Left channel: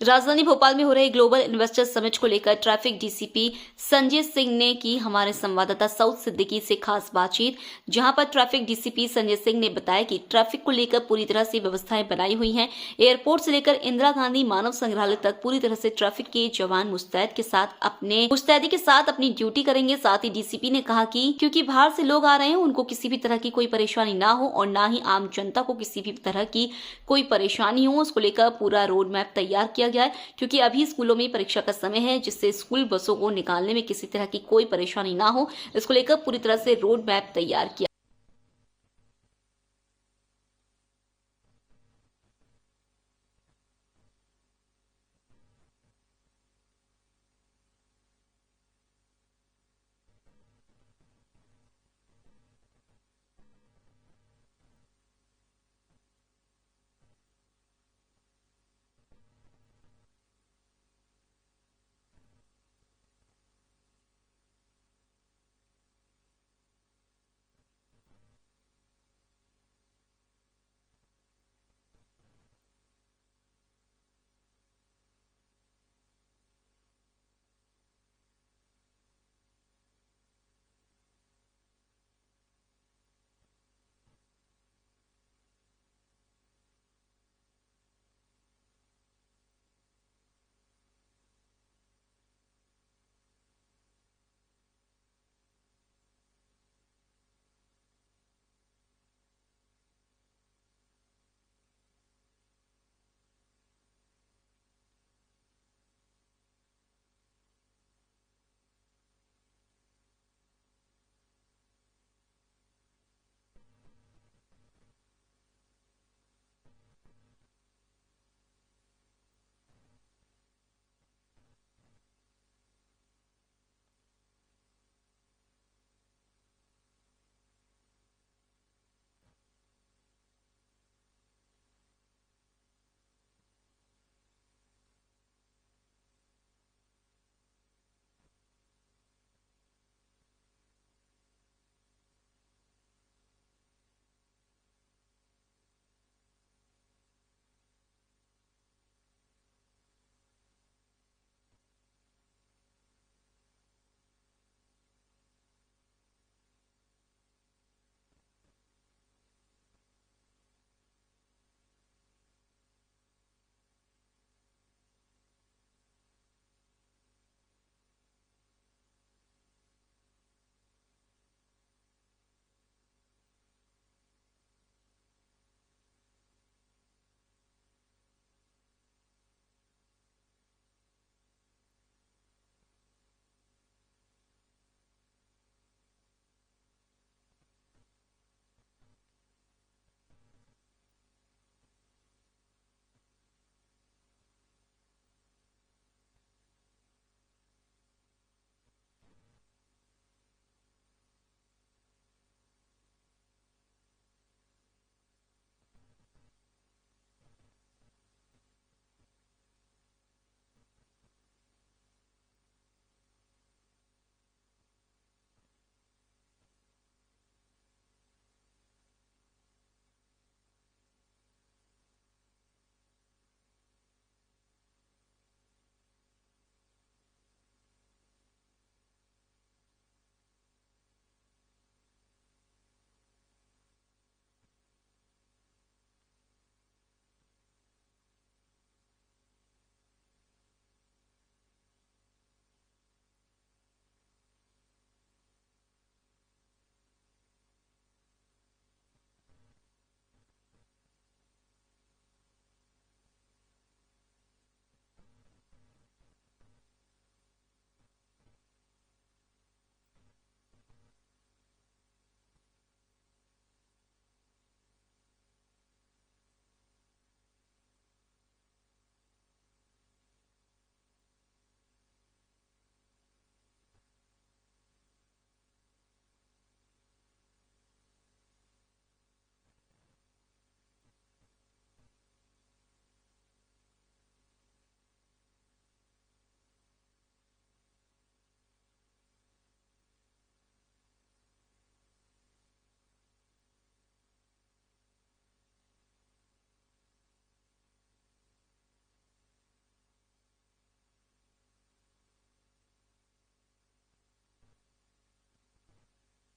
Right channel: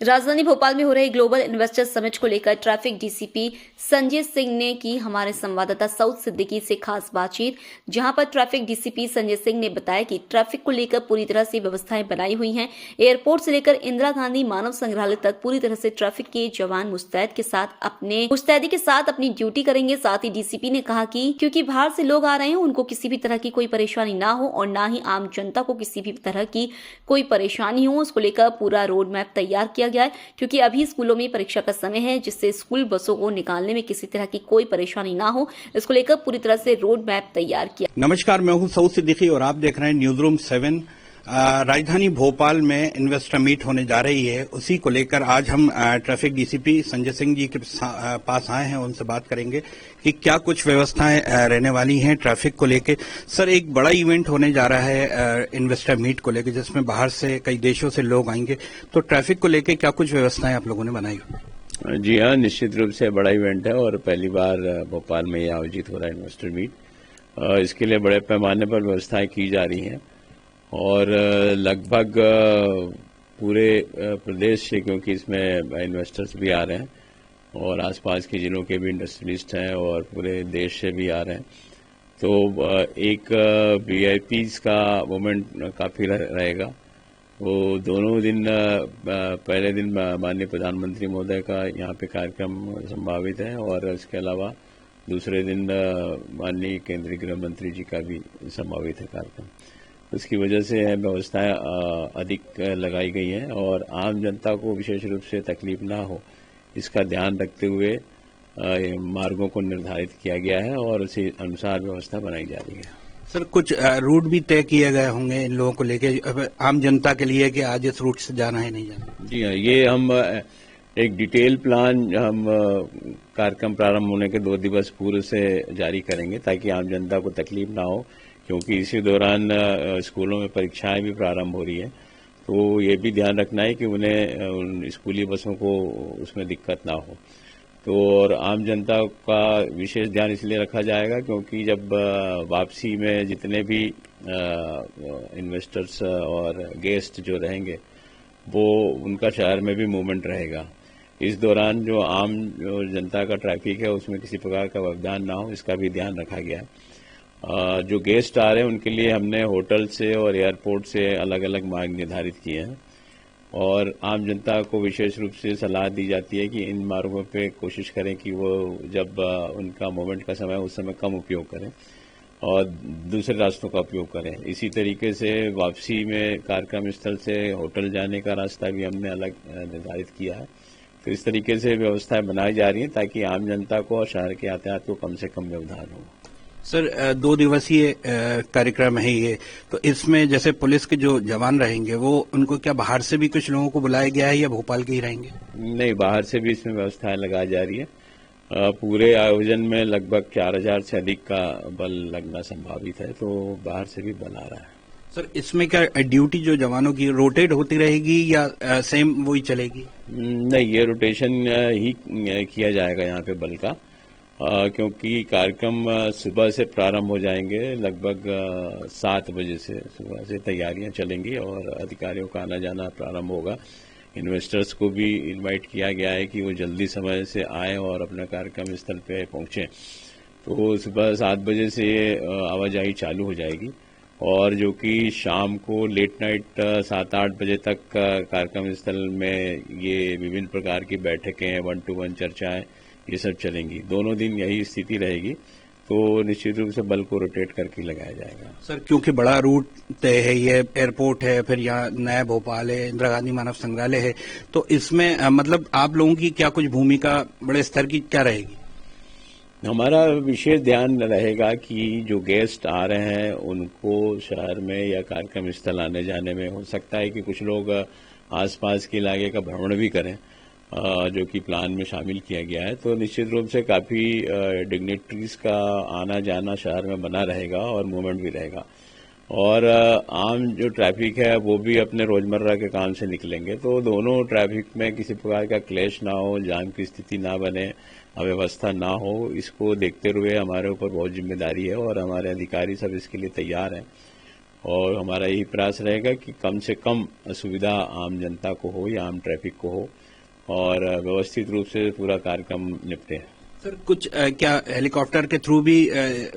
राजधानी भोपाल में हो रहे ग्लोबल इन्वेस्टर समिट को लेकर ट्रैफिक डीसीपी संजय सिंह ने की हमारे संवाददाता सऊद सिद्दीकी से खास बातचीत, जहां पर ट्रैफिक डीसीपी संजय सिंह ने बताया कि ट्रैफिक को लेकर पूरी तरह से व्यवस्थाएं बनाई हुई हैं। एयरपोर्ट से लेकर इंदिरा गांधी मानव संग्रहालय तक पूरी तरह से ट्रैफिक के जवान मुस्तैदी के साथ अपनी ड्यूटी करेंगे। साथ ही डीसीपी ने कहा कि क्योंकि बाहर से लोग आ रहे हैं, उनको किसी भी तरह की कोई परेशानी ना हो और ना ही आम जनता को किसी भी तरह की कोई परेशानी हो, उसको लेकर पूरा रोड मैप तैयार किया गया है। क्योंकि अभी स्कूलों में परीक्षा का समय है, जिससे स्कूल बसों को निकालने में किसी तरह की कोई परेशानी ना हो, इसको लेकर पूरी तरह से रोड मैप तैयार किया। नमस्कार, मैं हूं सऊद सिद्दीकी और आप देख रहे हैं न्यूज रूम 7। राजधानी भोपाल में इन्वेस्टर मीट होने जा रही है, उसी को लेकर आज हम ट्रैफिक डीसीपी संजय सिंह जी के पास आए हैं। उनसे बात करेंगे कि क्या कुछ व्यवस्थाएं रहने वाली हैं ट्रैफिक को लेकर। सर, एक बड़ा इवेंट होने जा रहा है इन्वेस्टर मीट को लेकर, जिसमें बाहर से कई देशों से लोग आएंगे, तो ट्रैफिक को लेकर क्या कुछ व्यवस्थाएं आप लोगों ने बनाई? जी हाँ, निश्चित रूप से बड़ा इवेंट है और पहली बार भोपाल में ये आयोजित हो रहा है इन्वेस्टर मीट। इसके लिए बड़े पैमाने पर व्यवस्थाएं की जा रही हैं और लगभग पूरे प्रदेश से, क्योंकि इसमें इन्वेस्टर्स भी आ रहे हैं और आसपास के जिलों के भी इंडस्ट्रियलिस्ट हैं और पूरे देश से भी आ रहे हैं, तो एक वीआईपीज का मोमेंट काफ़ी रहेगा। वो दोनों दिन, पहले दिन माननीय प्रधानमंत्री महोदय का यहाँ पे कार्यक्रम संभावित है और इसके अलावा दूसरे दिन माननीय केंद्रीय गृह मंत्री जी का भी संभावित है कार्यक्रम। उसकी वजह से व्यवस्थाएं अधिक लगाई गई हैं और आम जनता को विशेष रूप से तकलीफ ना हो, इसका ध्यान रखते हुए मार्गों को निर्धारित किया गया है और उसी अनुसार व्यवस्था बनाई जा रही है। सर, कुछ रूट भी तय किए गए होंगे इन लोगों को लेके आम जनता के लिए कि आज इस रूट से जाना है, नहीं जाना? जी हाँ, ये हम एक डिटेल प्लान हम कार्यक्रम प्रारंभ होने के 2 दिवस पूर्व से जारी करेंगे ताकि आम जनता को तकलीफ ना हो, क्योंकि इसी दौरान स्कूलों में परीक्षाएं भी प्रारंभ हो रही है। तो ये भी ध्यान रखना है कि उन्हें उन स्कूली बसों को उसमें दिक्कत ना हो। तो और आम जनता का विशेष ध्यान इसलिए रखा जाएगा क्योंकि जब वापसी में जितने भी इन्वेस्टर्स और गेस्ट जो रहेंगे, वो उनका शहर में भी मूवमेंट रहेगा। इस दौरान जो आम जनता का ट्रैफिक है उसमें किसी प्रकार का व्यवधान ना हो, इसका भी ध्यान रखा गया है। जो गेस्ट आ रहे हैं उनके लिए हमने होटल से और एयरपोर्ट से अलग अलग मार्ग निर्धारित किए हैं और आम जनता को विशेष रूप से सलाह दी जाती है कि इन मार्गों पे कोशिश करें कि वो जब उनका मूवमेंट का समय उस समय कम उपयोग करें और दूसरे रास्तों का उपयोग करें। इसी तरीके से वापसी में कार्यक्रम स्थल से होटल जाने का रास्ता भी हमने अलग निर्धारित किया है। तो इस तरीके से व्यवस्थाएं बनाई जा रही हैं ताकि आम जनता को और शहर के यातायात को कम से कम व्यवधान हो। सर, 2 दिवसीय कार्यक्रम है ये, तो इसमें जैसे पुलिस के जो जवान रहेंगे, वो उनको क्या बाहर से भी कुछ लोगों को बुलाया गया है या भोपाल के ही रहेंगे? नहीं, बाहर से भी इसमें व्यवस्थाएं लगाई जा रही है। पूरे आयोजन में लगभग 4000 से अधिक का बल लगना संभावित है, तो बाहर से भी बल आ रहा है। सर, इसमें क्या ड्यूटी जो जवानों की रोटेट होती रहेगी या सेम वही चलेगी? नहीं, ये रोटेशन ही किया जाएगा यहाँ पे बल का, क्योंकि कार्यक्रम सुबह से प्रारंभ हो जाएंगे। लगभग 7 बजे से सुबह से तैयारियां चलेंगी और अधिकारियों का आना जाना प्रारंभ होगा। इन्वेस्टर्स को भी इनवाइट किया गया है कि वो जल्दी समय से आएँ और अपना कार्यक्रम स्थल पे पहुंचें। तो सुबह 7 बजे से ये आवाजाही चालू हो जाएगी और जो कि शाम को लेट नाइट 7-8 बजे तक कार्यक्रम स्थल में ये विभिन्न प्रकार की बैठकें, 1-to-1 चर्चाएं, ये सब चलेंगी। दोनों दिन यही स्थिति रहेगी, तो निश्चित रूप से बल को रोटेट करके लगाया जाएगा। सर, क्योंकि बड़ा रूट तय है, ये एयरपोर्ट है, फिर यहाँ नया भोपाल है, इंदिरा गांधी मानव संग्रहालय है, तो इसमें मतलब आप लोगों की क्या कुछ भूमिका बड़े स्तर की क्या रहेगी? हमारा विशेष ध्यान रहेगा कि जो गेस्ट आ रहे हैं उनको शहर में या कार्यक्रम स्थल आने जाने में हो सकता है कि कुछ लोग आसपास के इलाके का भ्रमण भी करें, जो कि प्लान में शामिल किया गया है। तो निश्चित रूप से काफ़ी डिग्नेटरीज का आना जाना शहर में बना रहेगा और मूवमेंट भी रहेगा और आम जो ट्रैफिक है वो भी अपने रोजमर्रा के काम से निकलेंगे, तो दोनों ट्रैफिक में किसी प्रकार का क्लैश ना हो, जाम की स्थिति ना बने, अव्यवस्था ना हो, इसको देखते हुए हमारे ऊपर बहुत जिम्मेदारी है और हमारे अधिकारी सब इसके लिए तैयार हैं। और हमारा यही प्रयास रहेगा कि कम से कम असुविधा आम जनता को हो या आम ट्रैफिक को हो और व्यवस्थित रूप से पूरा कार्यक्रम निपटे। सर कुछ क्या हेलीकॉप्टर के थ्रू भी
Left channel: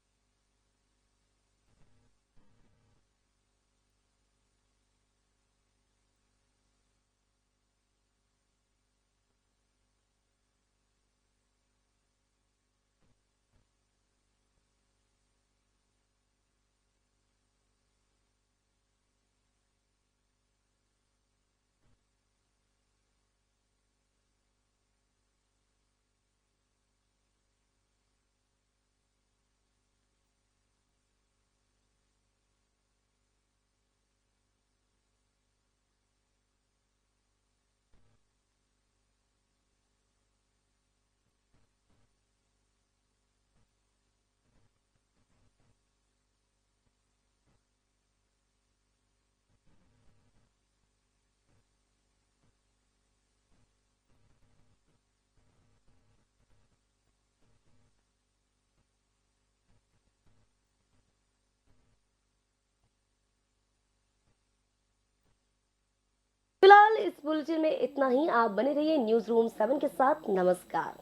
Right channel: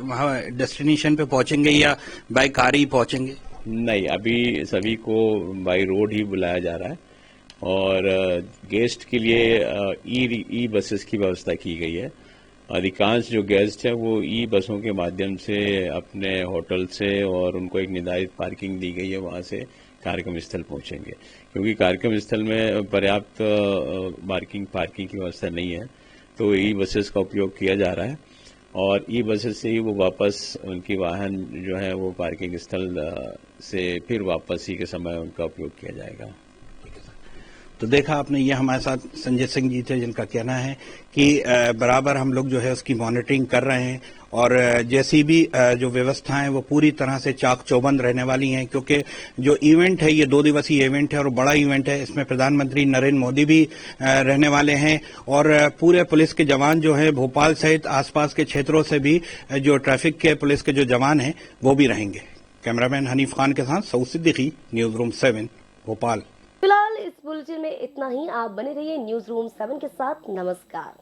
वहाँ डेस्टिनेशन पे पहुंचेंगे या बाय कार ही पहुंचेंगे? नहीं, अभी सभी को बाई रोड ही बुलाया जा रहा है और गेस्ट के लिए ई बसेस की व्यवस्था की गई है। अधिकांश जो गेस्ट हैं वो ई बसों के माध्यम से अपने होटल से और उनको एक निर्धारित पार्किंग दी गई है, वहां से कार्यक्रम स्थल पहुंचेंगे, क्योंकि कार्यक्रम स्थल में पर्याप्त पार्किंग की व्यवस्था नहीं है, तो ई बसेस का उपयोग किया जा रहा है और ई बसेस से ही वो वापस उनकी वाहन जो है वो पार्किंग स्थल से फिर वापस ही के समय उनका उपयोग किया जाएगा। तो देखा आपने, ये हमारे साथ संजय सिंह जी थे जिनका कहना है कि बराबर हम लोग जो है उसकी मॉनिटरिंग कर रहे हैं और जैसी भी जो व्यवस्थाएं वो पूरी तरह से चाक चौबंद रहने वाली हैं, क्योंकि जो इवेंट है ये 2 दिवसीय इवेंट है और बड़ा इवेंट है। इसमें प्रधानमंत्री नरेंद्र मोदी भी रहने वाले हैं और पूरे पुलिस के जवान जो है भोपाल सहित आसपास के क्षेत्रों से भी जो ट्रैफिक के पुलिस के जो जवान हैं वो भी रहेंगे। कैमरामैन हनीफ खान के साथ सऊद सिद्दीकी, न्यूज रूम 7, भोपाल। फिलहाल इस बुलेटिन में इतना ही। आप बने रहिए न्यूज रूम 7 के साथ। नमस्कार।